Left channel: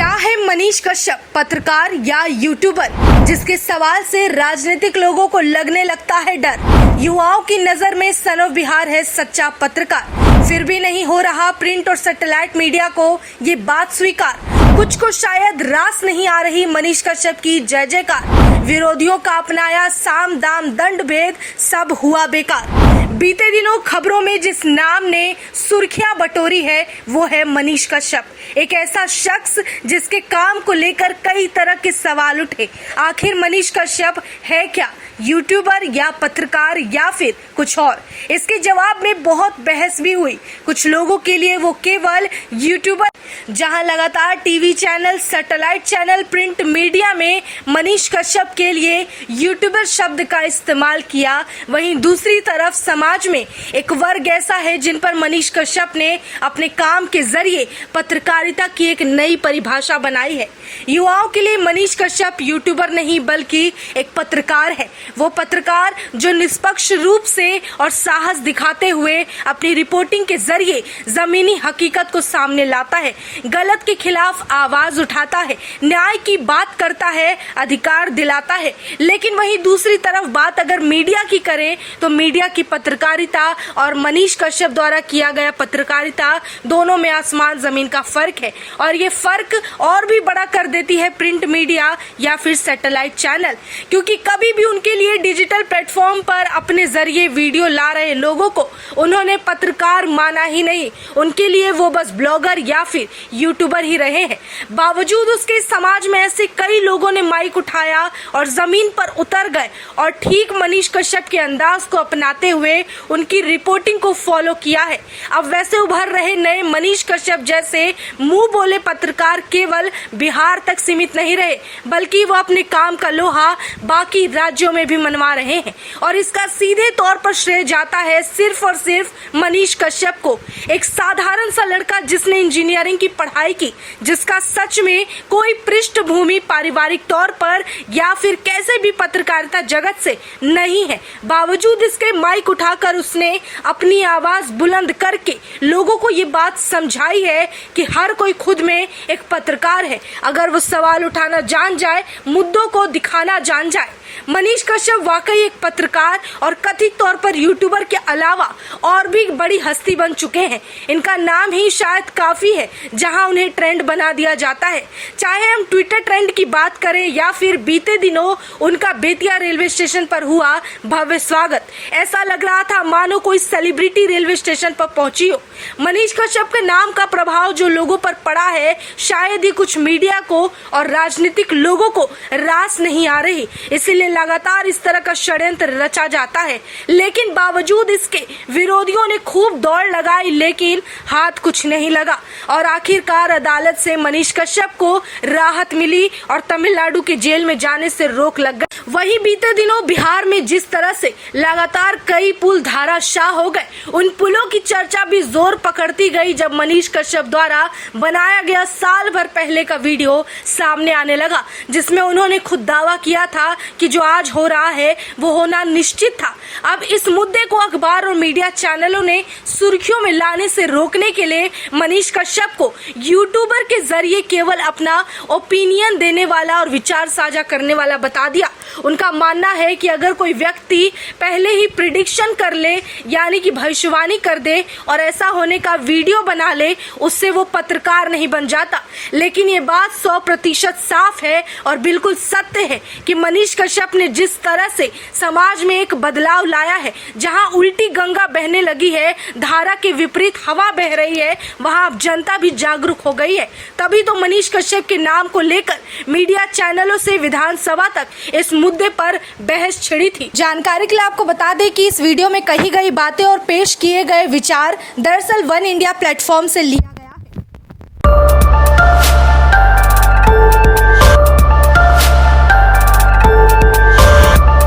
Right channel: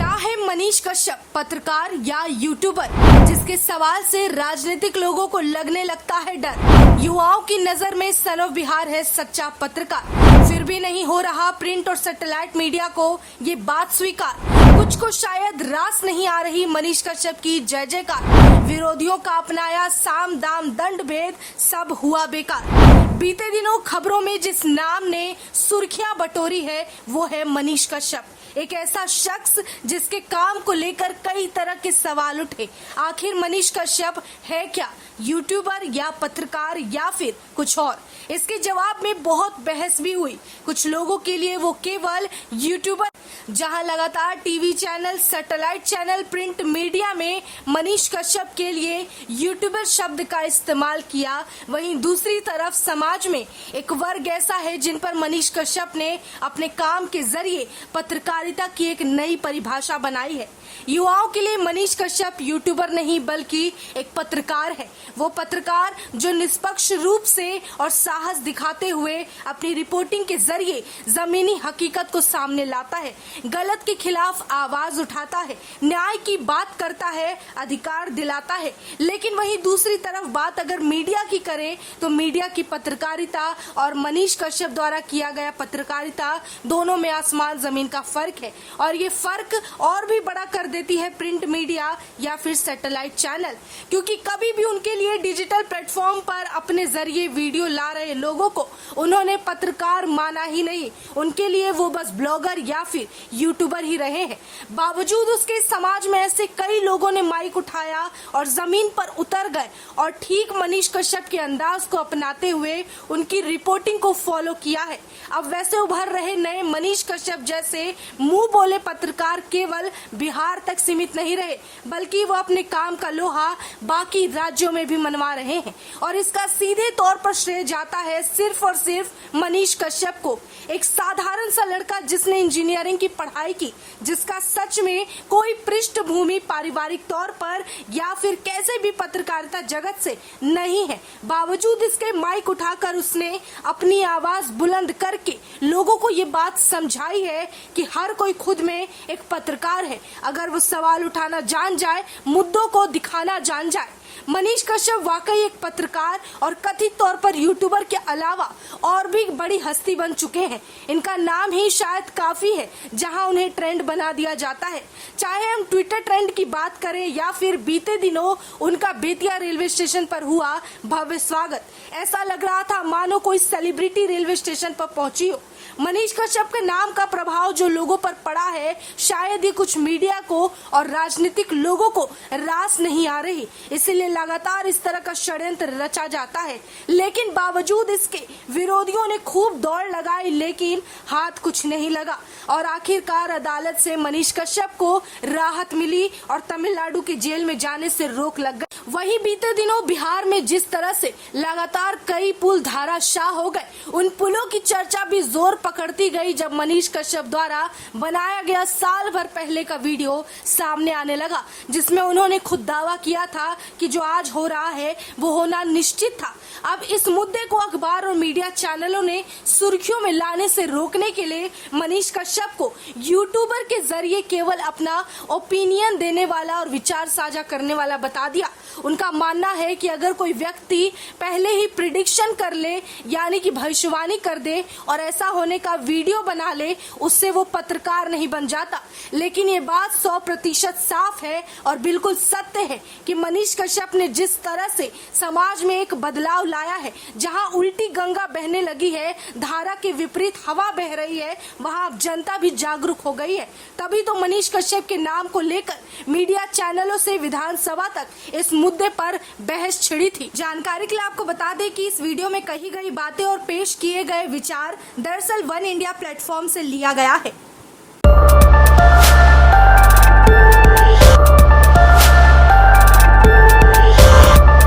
क्या है मनीष कश्यप, पत्रकार या यूट्यूबर, जिसके सवाल से राजनीतिक लोगों को लगने लगता है डर। युवाओं की नजर में सन ऑफ बिहार है सच्चा पत्रकार, फिर भी नहीं हो रहा प्रिंट और सैटेलाइट मीडिया को ये बात स्वीकार। कुछ को शायद रास नहीं आ रही मनीष कश्यप की जय जयकार। विरोधियों का अपनाया साम दाम दंड भेद, सब हुआ बेकार। बीते दिनों खबरों में जिस नाम ने सुर्खियां बटोरी है वो है मनीष कश्यप, एक ऐसा शख्स जिसके काम को लेकर कई तरह के सवाल उठे। आखिर मनीष कश्यप है क्या, यूट्यूबर या पत्रकार या फिर कुछ और? इसके जवाब में बहुत बहस भी हुई। कुछ लोगों के लिए वो केवल यूट्यूबर, जहां लगातार TV channel, satellite channel, print media में मनीष कश्यप के लिए यूट्यूबर शब्द का इस्तेमाल किया, वहीं दूसरी तरफ समाज में एक वर्ग ऐसा है जिन पर मनीष कश्यप ने अपने काम के जरिए पत्रकारिता की एक नई परिभाषा बनाई है। युवाओं के लिए मनीष कश्यप यूट्यूबर नहीं बल्कि एक पत्रकार है। वो पत्रकार जो निष्पक्ष रूप से और साहस दिखाते हुए अपनी रिपोर्टिंग के जरिए जमीनी हकीकत को सामने लाता है, गलत के खिलाफ आवाज उठाता है, न्याय की बात करता है, अधिकार दिलाता है। लेकिन वहीं दूसरी तरफ बात अगर मीडिया की करें तो मीडिया की पत्रकारिता और मनीष कश्यप द्वारा किया गया पत्रकारिता, दोनों में आसमान जमीन का फर्क है। और ये फर्क और भी बड़ा कर देती है प्रिंट मीडिया या फिर सैटेलाइट चैनल, क्योंकि कभी भी उनके लिए डिजिटल प्लेटफॉर्म पर अपने जरिए वीडियो ला रहे लोगों को उन्होंने पत्रकार माना ही नहीं। उनके लिए वो बस ब्लॉगर या फिर यूट्यूबर ही रहे हैं। बावजूद उसके समाज में ऐसे कई लोगों ने माइक उठाया और जमीन पर उतर गए और ठीक मनीष कश्यप के अंदाज को अपनाते हुए उनकी रिपोर्टिंग को फॉलो किया है। अब वैसे उभर रहे नए मनीष कश्यप जैसे मुंह बोले पत्रकार केवल बिहार तक सीमित नहीं रहे, बल्कि वो अपने काम का लोहा बाकी राज्यों में भी मनवा रहे हैं। और इसका सीधे तौर पर श्रेय जाता है सिर्फ और सिर्फ मनीष कश्यप को, एक साधारण सा लड़का जिसने इंजीनियरिंग की पढ़ाई की, जिसका सच में कोई पृष्ठभूमि पारिवारिक तौर पर या फिर कैसे भी पत्रकारिता जगत से नहीं है। बावजूद इसके माइक उठाकर उसने अपनी आवाज बुलंद करके लोगों को ये बात समझाई है कि हर कोई खुद में एक पत्रकार है, अगर वो सवाल उठाना जान जाए, मुद्दों को दिखाना जान जाए। मनीष कश्यप वाकई एक पत्रकार और कथित तौर पर यूट्यूबर के अलावा और भी बड़ी हस्ती बन चुके हैं। इनका नाम ही शायद काफी है जहां उन्हें ट्रेंड बना दिया जाता है। चाहे हम ट्विटर ट्रेंड की बात करें या फिर बीते दिनों उनका बेतिया रेलवे स्टेशन पर हुआ भव्य स्वागत, ऐसा लग रहा था मानो कोई सेलिब्रिटी रेलवे स्टेशन पर पहुंची हो। मनीष कश्यप के नाम का प्रभाव जो लोगों पर पड़ा है, शायद ही कुछ मीडिया को और राजनीतिक लोगों को रास नहीं आ रही, इसीलिए लगातार इस तरह का षड्यंत्र रचा जाता है। लेकिन बावजूद इसके विरोधियों ने खूब दौड़ लगाई, लेकिन हाथ कुछ नहीं लगा और आखिरकार अदालत से मनीष कश्यप को राहत मिली और तमिलनाडु के जेल में जाने से रोक लग गई। वहीं बीते दिनों बिहार में जिस तरह से लगातार कई पुल धाराशाह हो गए, उन पुलों की चर्चा भी जोर पकड़ती गई जब मनीष कश्यप द्वारा बनाया गया साल भर पहले का वीडियो सामने आने लगा, जिसमें उन्होंने खुद दावा किया था कि जो आज हो रहा है वो होना निश्चित था। अब इस मुद्दे को अखबार और मीडिया चैनलों ने सुर्खियों में लाने से रोकने के लिए मनीष कश्यप को यूट्यूबर के जरिए केवल अपना ओपिनियन देने वाला और विचार साझा करने वाला बता दिया। उनका मानना है कि अगर कोई व्यक्ति पहले ही प्रिडिक्शन कर ले, यानी कि भविष्यवाणी कर दे और ऐसा होने का वीडियो बना ले, उससे वो पत्रकार नहीं बन जाता। लेकिन ये बात 100% साफ है और बिल्कुल सत्य है कि मनीष कश्यप ने जिस तरह से समाज में एक बदलाव लाया है, जहां उल्टी गंगा बहने लगी है, धारा के विपरीत हवा बह रही है, वहां अब जनता भी जागरूक हो गई है। तभी तो मनीष कश्यप के नाम को लेकर मीडिया चैनलों से विधानसभा तक इस मुद्दे पर बहस छिड़ी थी। जानकारी के लिए आपको बता दें कि इस वीडियो में कही गई बातें और पेश किए गए विचार दरअसल वन इंडिया प्लेटफॉर्म से लिया गया है।